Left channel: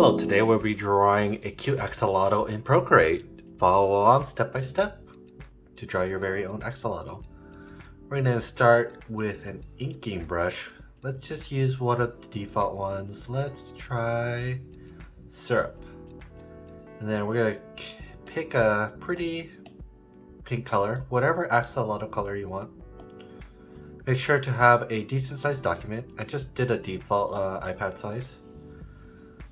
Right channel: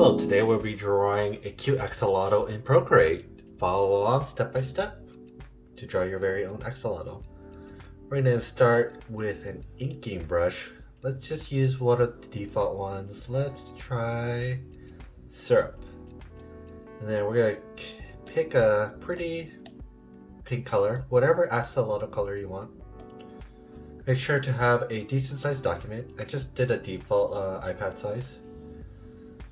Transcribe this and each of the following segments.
Hello, today we'll be drawing a cute axolotl in Procreate. Follow along step by step to draw your very own axolotl. We're going to start with an inking brush. Let's just use one of the default ones. Let's try syrup. And then we're going to pick a pretty pink color, whatever axolotl color you want. Make sure to have a decent sized document. I just did a default iPad size.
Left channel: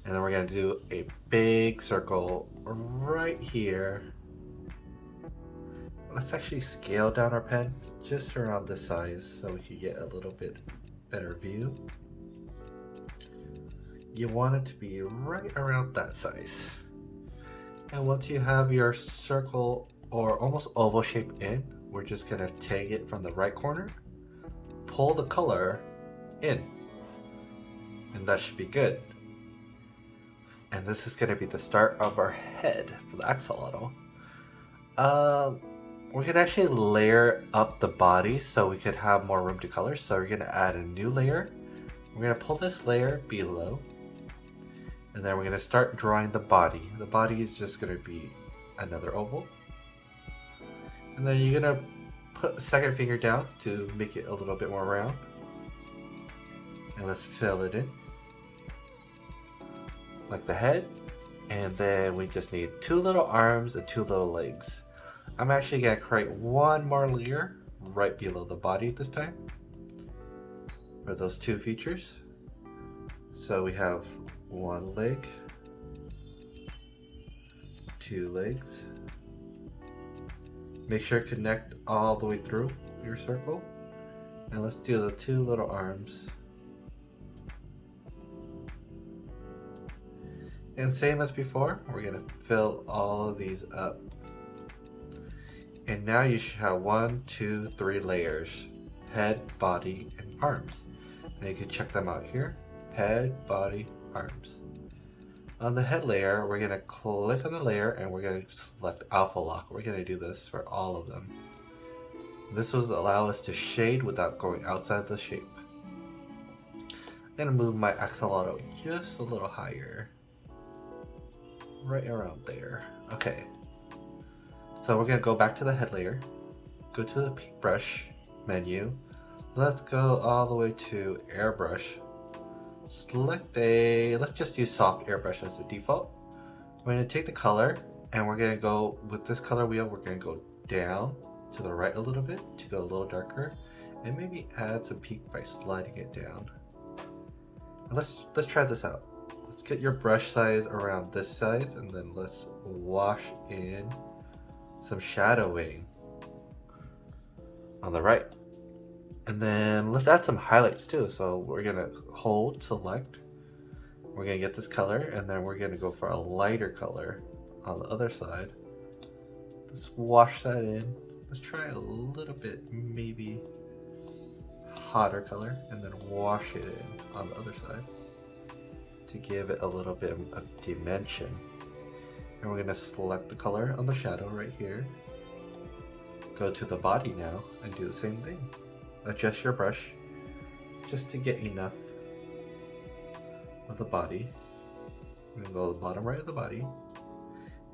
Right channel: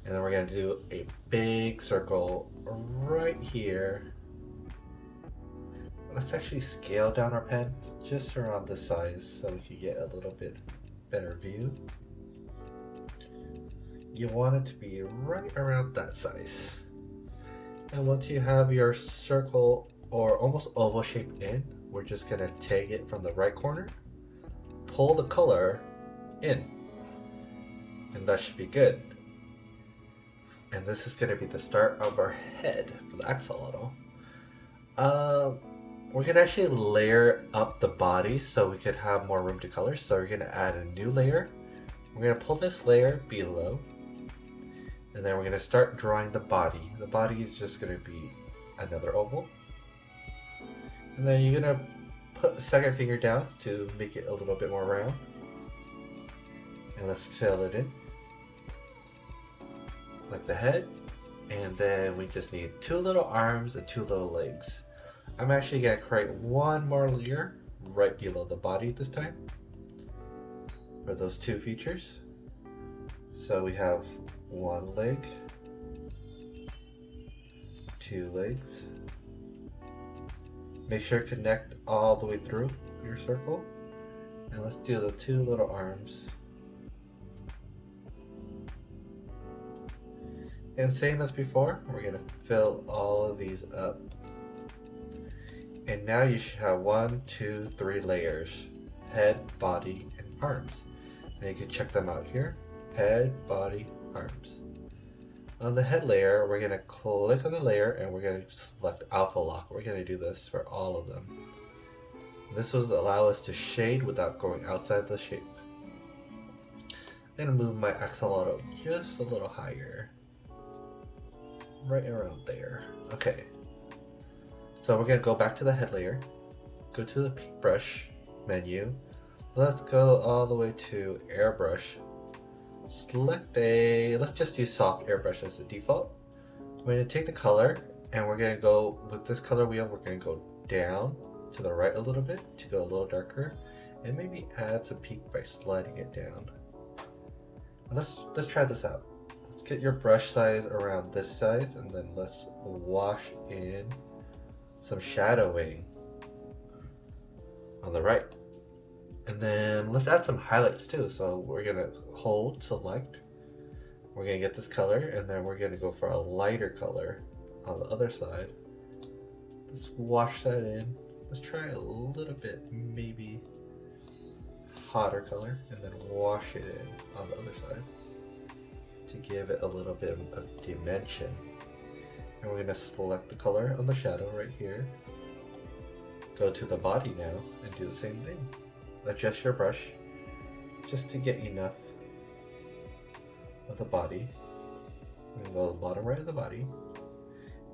And then we're going to do a big circle right here. Let's actually scale down our pen just around this size so we can get a little bit better view. You want it to be right around that size. And once you have your circle or almost oval shape in, we're just going to take it from the right corner, pull the color in, and that should be good. And this is going to be the start of our head for the axolotl. We're going to actually layer up the body so we could have more room to color. So we're going to add a new layer. We're going to pull this layer below. And then we're going to start drawing the body. The body is just going to be another oval. And then you're going to put the second finger down to make it a little bit more round. And let's fill it in. Like the head, and then we just need two little arms and two little legs. I'm actually going to create one more layer right below the body this time for those two features. So we have one leg, two legs. Make sure to connect all the way through your circle, and let's do the two little arms. And same as before, we're going to fill all of these up. And now you should have 1, 2, 3 layers. Head, body, and arms. And you can check them out here. Head, body, arms. On the head layer, we're going to click on the layer and we're going to select alpha lock. We're going to do this for all of them. This will allow us to shade without going outside the shape. I'm going to move my axolotl just a little higher. Right around there. Okay. So we're going to go back to the head layer. Go to the paintbrush menu. Let's go all the way to airbrush. Select let's just use soft airbrush as the default. We're going to take the color and we're going to go with this color wheel. We're going to go down to the right a little bit to go a little darker and maybe add some pink by sliding it down. Let's try this out. Let's get your brush size around this size and then let's wash in some shadowing on the right. And then let's add some highlights too. So we're gonna hold, select, we're gonna get this color and then we're gonna go for a lighter color on the other side. Let's wash that in. Let's try a little bit, maybe hotter color, and then wash it in on the other side to give it a little bit of dimension. And we're going to select the color on the shadow right here. Go to the body now and do the same thing. Adjust your brush just to get enough of the body. We're going to go to the bottom right of the body.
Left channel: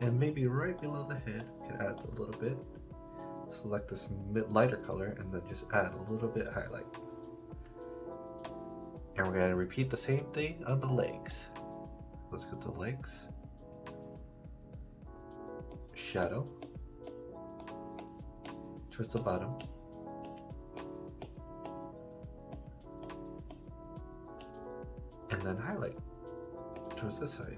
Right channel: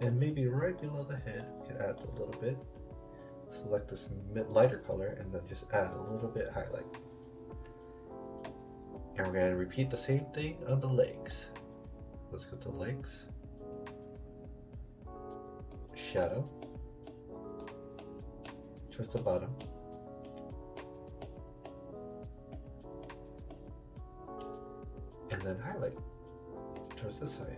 And maybe right below the head, we can add a little bit. Select this lighter color and then just add a little bit highlight. And we're going to repeat the same thing on the legs. Let's go to the legs. Shadow. Towards the bottom. And then highlight towards this side.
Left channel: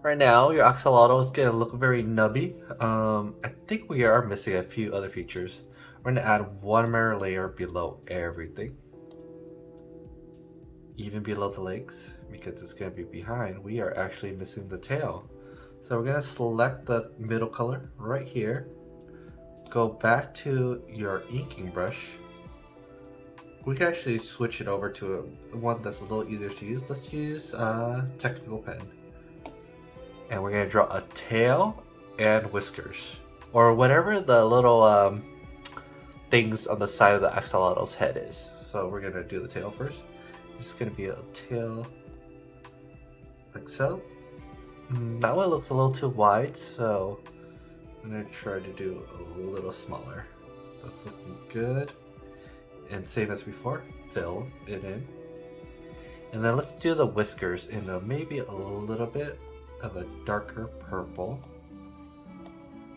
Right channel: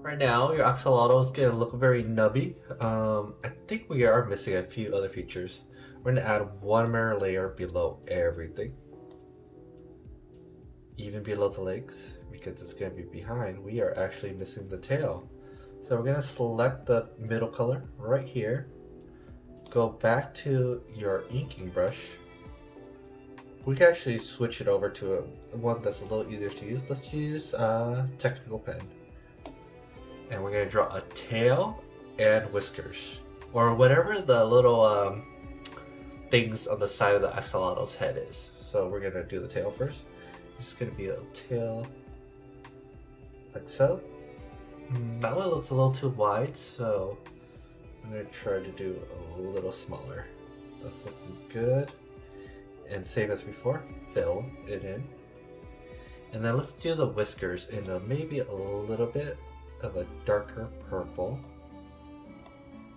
Right now, your axolotl is going to look very nubby. I think we are missing a few other features. We're going to add one more layer below everything. Even below the legs, because it's going to be behind, we are actually missing the tail. So we're going to select the middle color right here. Go back to your inking brush. We can actually switch it over to one that's a little easier to use. Let's use a technical pen. And we're going to draw a tail and whiskers. Or whatever the little things on the side of the axolotl's head is. So we're going to do the tail first. It's gonna be a tail like so. That one looks a little too wide, so I'm gonna try to do a little smaller. That's looking good. And same as before, fill it in. And then let's do the whiskers in maybe a little bit of a darker purple.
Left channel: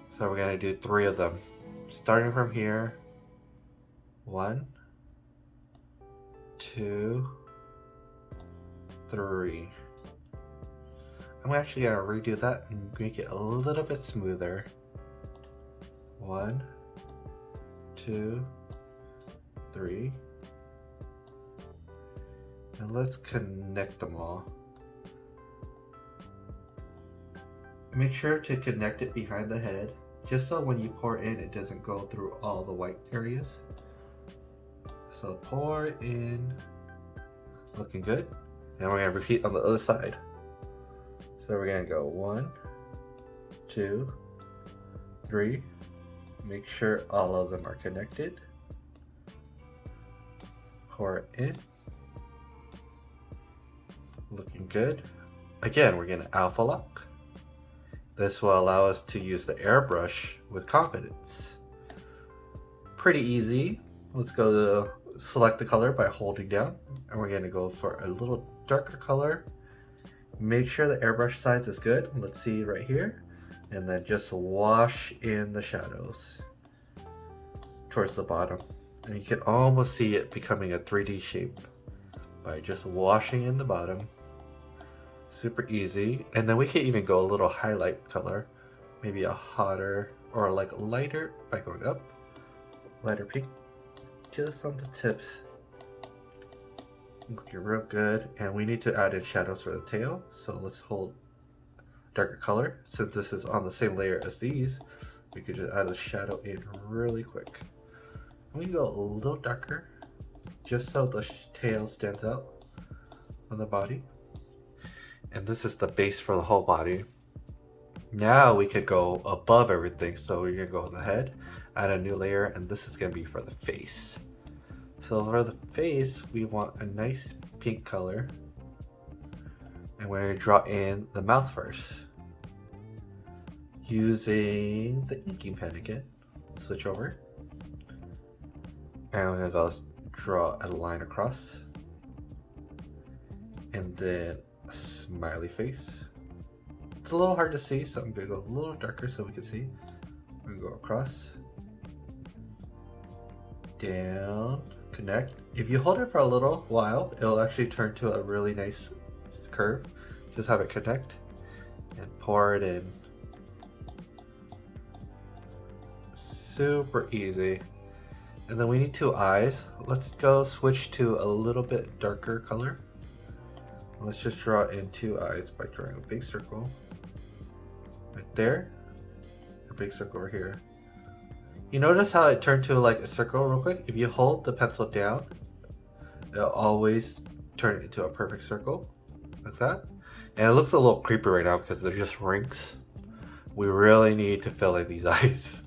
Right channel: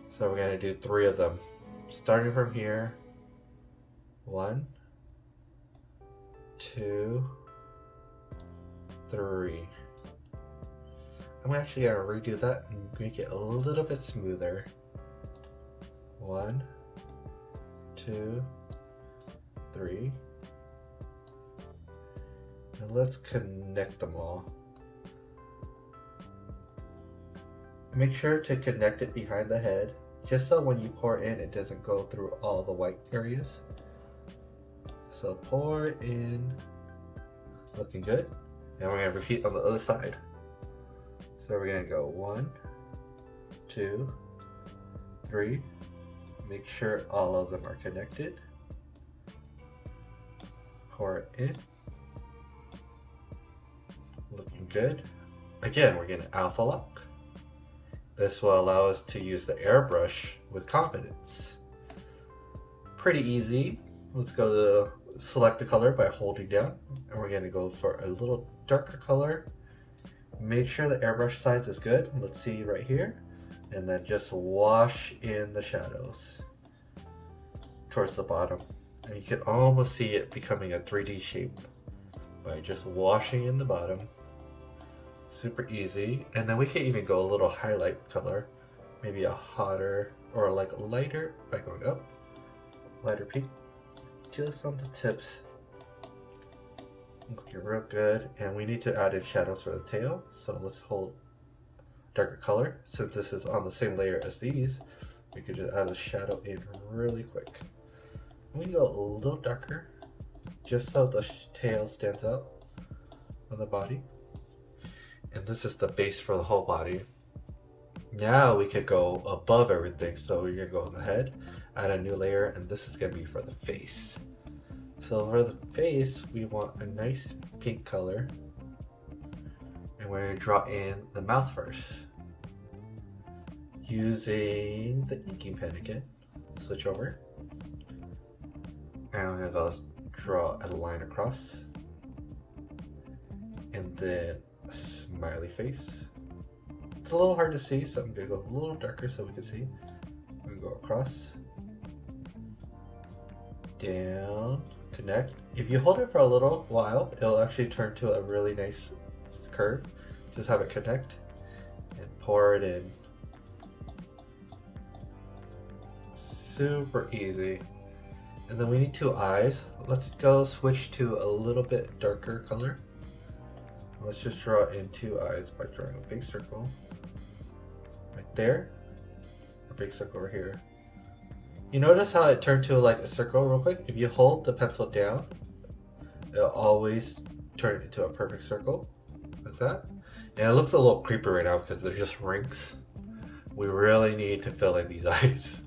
So we're gonna do 3 of them. Starting from here. 1, 2, 3. I'm actually gonna redo that and make it a little bit smoother. 1, 2, 3. And let's connect them all. Make sure to connect it behind the head, just so when you pour in, it doesn't go through all the white areas. So pour in, looking good. Now we're gonna repeat on the other side. So we're gonna go 1, 2, 3. Make sure all of them are connected. Pour it in. Looking good. Again, we're gonna alpha lock. This will allow us to use the airbrush with confidence. Pretty easy. Let's go to select the color by holding down, and we're gonna go for a little darker color. Make sure the airbrush size is good. Let's see right here. And then just wash in the shadows towards the bottom. And you can almost see it becoming a 3D shape by just washing in the bottom. Super easy. And then we can even go a little highlight color, maybe a hotter or like lighter by going up, lighter pink, just on the tips. Looking real good. And we need to add in shadows for the tail, so let's hold darker color. Since this is on the same layer as these, we could just add a shadow in really quick. We can go a little darker just so the tail stands out on the body. And this is the base for the whole body. Now we could go above everything. So we're gonna go on the head, add a new layer, and this is gonna be for the face. So for the face, we want a nice pink color. And we're gonna draw in the mouth first. Using the inking pen again. Switch over. And I'm gonna go draw a line across. And then a smiley face. It's a little hard to see, so I'm gonna go a little darker so we can see. I'm gonna go across, down, connect. If you hold it for a little while, it'll actually turn to a really nice curve. Just have it connect and pour it in. Super easy. And then we need 2 eyes. Let's go switch to a little bit darker color. Let's just draw in 2 eyes by drawing a big circle right there, a big circle over here. You notice how it turned to like a circle real quick? If you hold the pencil down, it'll always turn it into a perfect circle like that. And it looks a little creepy right now because they're just rings. We really need to fill in these eyes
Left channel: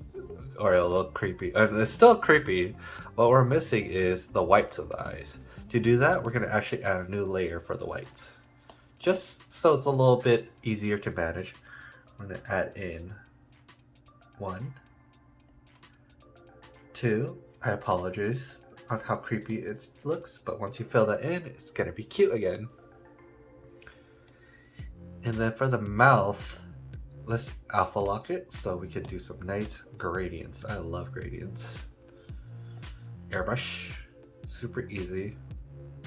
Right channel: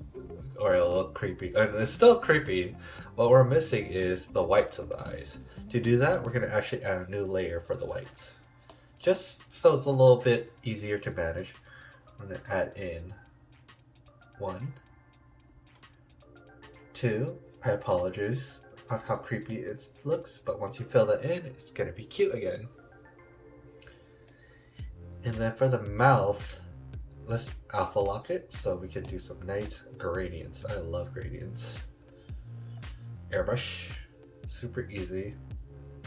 or it'll look creepy. And it's still creepy. What we're missing is the whites of the eyes. To do that, we're gonna actually add a new layer for the whites. Just so it's a little bit easier to manage. I'm gonna add in 1, 2. I apologize on how creepy it looks, but once you fill that in, it's gonna be cute again. And then for the mouth, let's alpha lock it so we can do some nice gradients. I love gradients. Airbrush, super easy.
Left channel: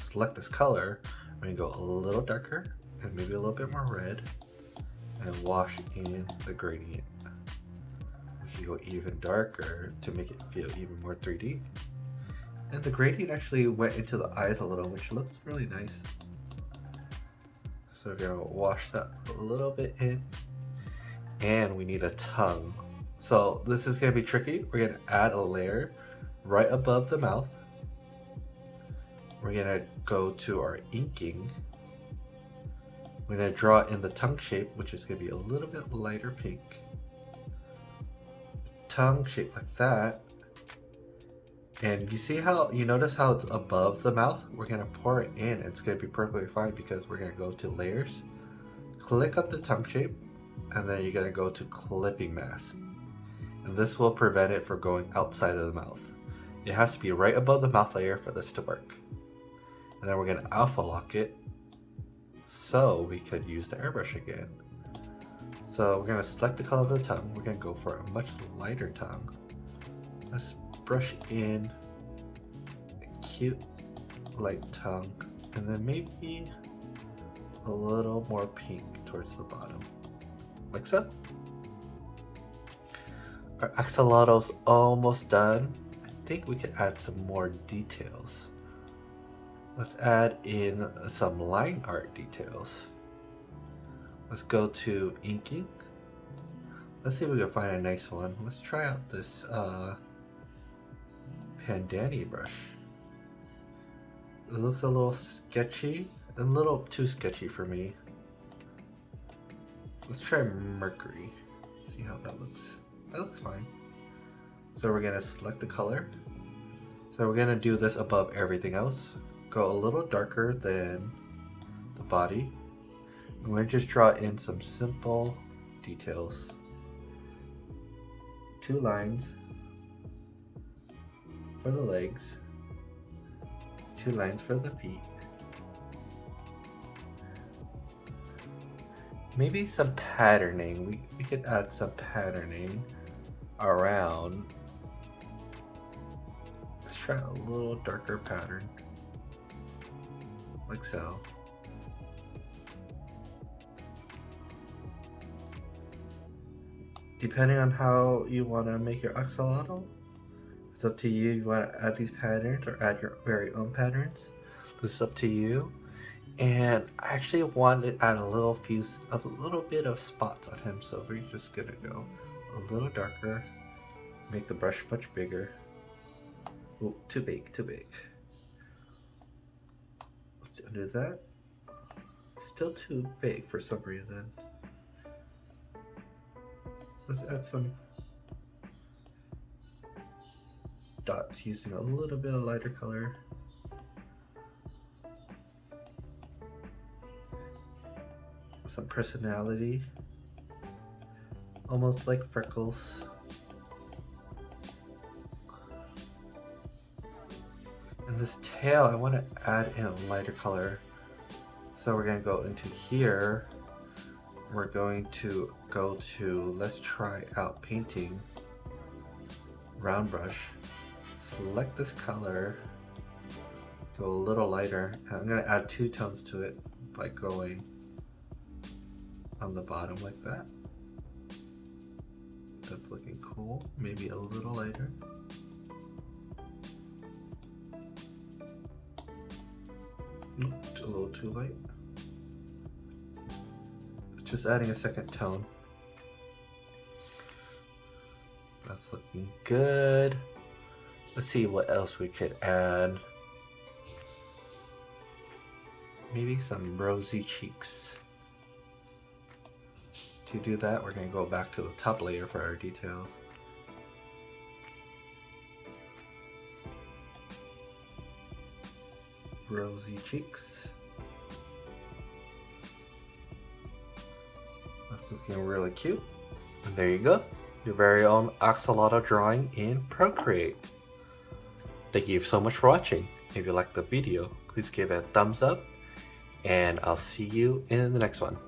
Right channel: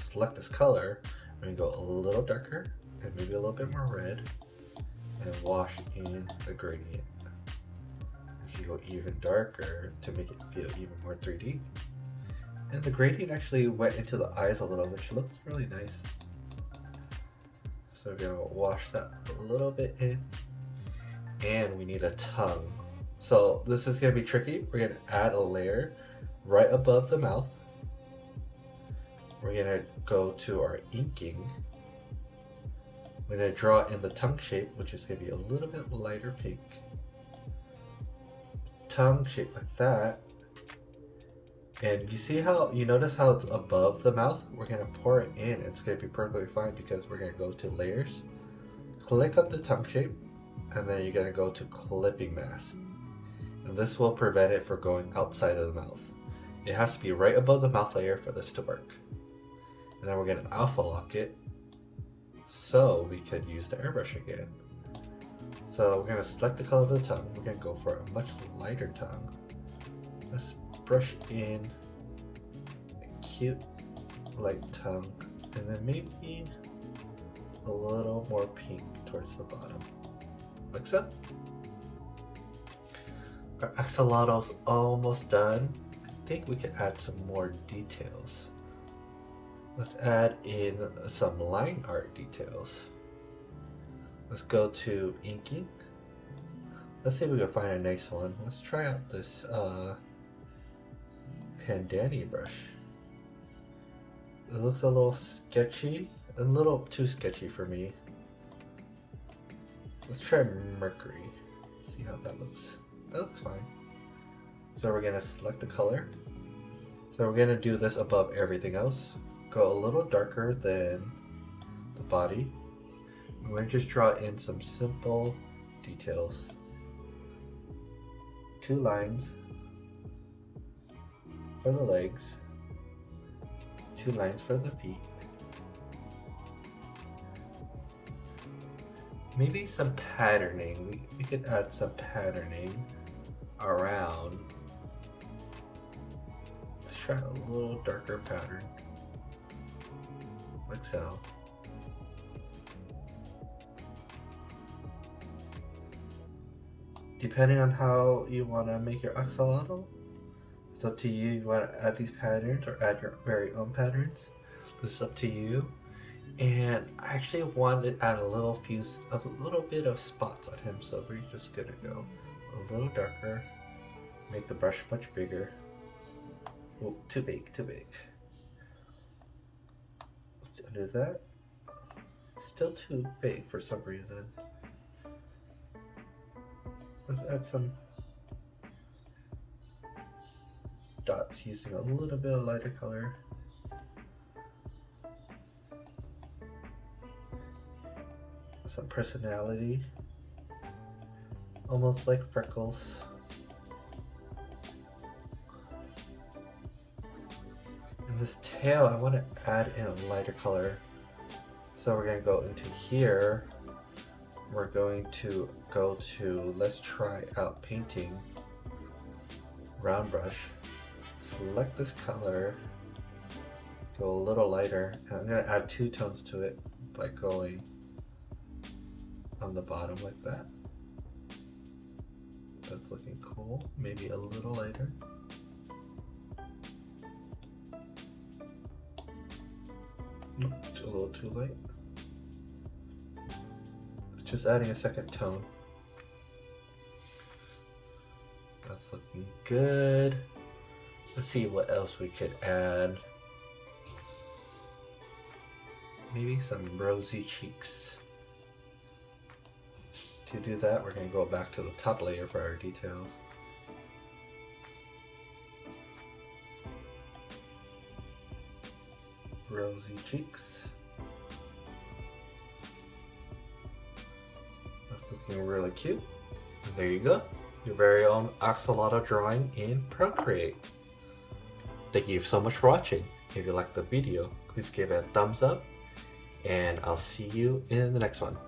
Select this color. I'm gonna go a little darker and maybe a little bit more red and wash in the gradient. You go even darker to make it feel even more 3D. And the gradient actually went into the eyes a little, which looks really nice. So we're gonna wash that a little bit in. And we need a tongue. So this is gonna be tricky. We're gonna add a layer right above the mouth. We're gonna go to our inking. We're gonna draw in the tongue shape, which is gonna be a little bit lighter pink. Tongue shape like that. And you notice how it's above the mouth? We're gonna pour it in. It's gonna be perfectly fine because we're gonna go to layers, click up the tongue shape, and then you're gonna go to clipping mask. And this will prevent it from going outside of the mouth. It has to be right above the mouth layer for this to work. And then we're gonna alpha lock it so we could use the airbrush again. So we're gonna select the color of the tongue. We're gonna go for a much lighter tongue. Let's brush in a cute light tongue, and then maybe a little more pink towards the bottom, like so. Our axolotl's almost done. I think we could add some more details. Let's add in some line art details. Let's go to inking. Let's see if we can find a nice one. Let's try out this Pandani brush. It looks a little sketchy, a little too sketchy for me. Let's try Mercury. See how that looks. That looks fine. So we're gonna select the color. So we're gonna do this above everything else. Go a little darker than the body. I'm gonna just draw in some simple details. 2 lines for the legs, 2 lines for the feet. Maybe some patterning. We could add some patterning around. Let's try a little darker pattern, like so. Depending on how you want to make your axolotl, it's up to you. You want to add these patterns or add your very own patterns. This is up to you. And I actually wanted to add a little bit of spots on him, so we're just gonna go a little darker, make the brush much bigger. Oh, too big. Let's undo that. Still too big for some reason. Let's add some dots using a little bit of lighter color. Some personality, almost like freckles. And this tail, I want to add in a lighter color. So we're going to go into here. We're going to go to, let's try out painting, round brush, select this color, go a little lighter, and I'm going to add 2 tones to it by going on the bottom like that. That's looking cool. Maybe a little lighter. Nope, a little too light. Just adding a second tone. That's looking good. Let's see what else we could add. Maybe some rosy cheeks. To do that, we're going to go back to the top layer for our details. Rosy cheeks. That's looking really cute. And there you go, your very own axolotl drawing in Procreate. Thank you so much for watching. If you liked the video, please give it a thumbs up, and I'll see you in the next one.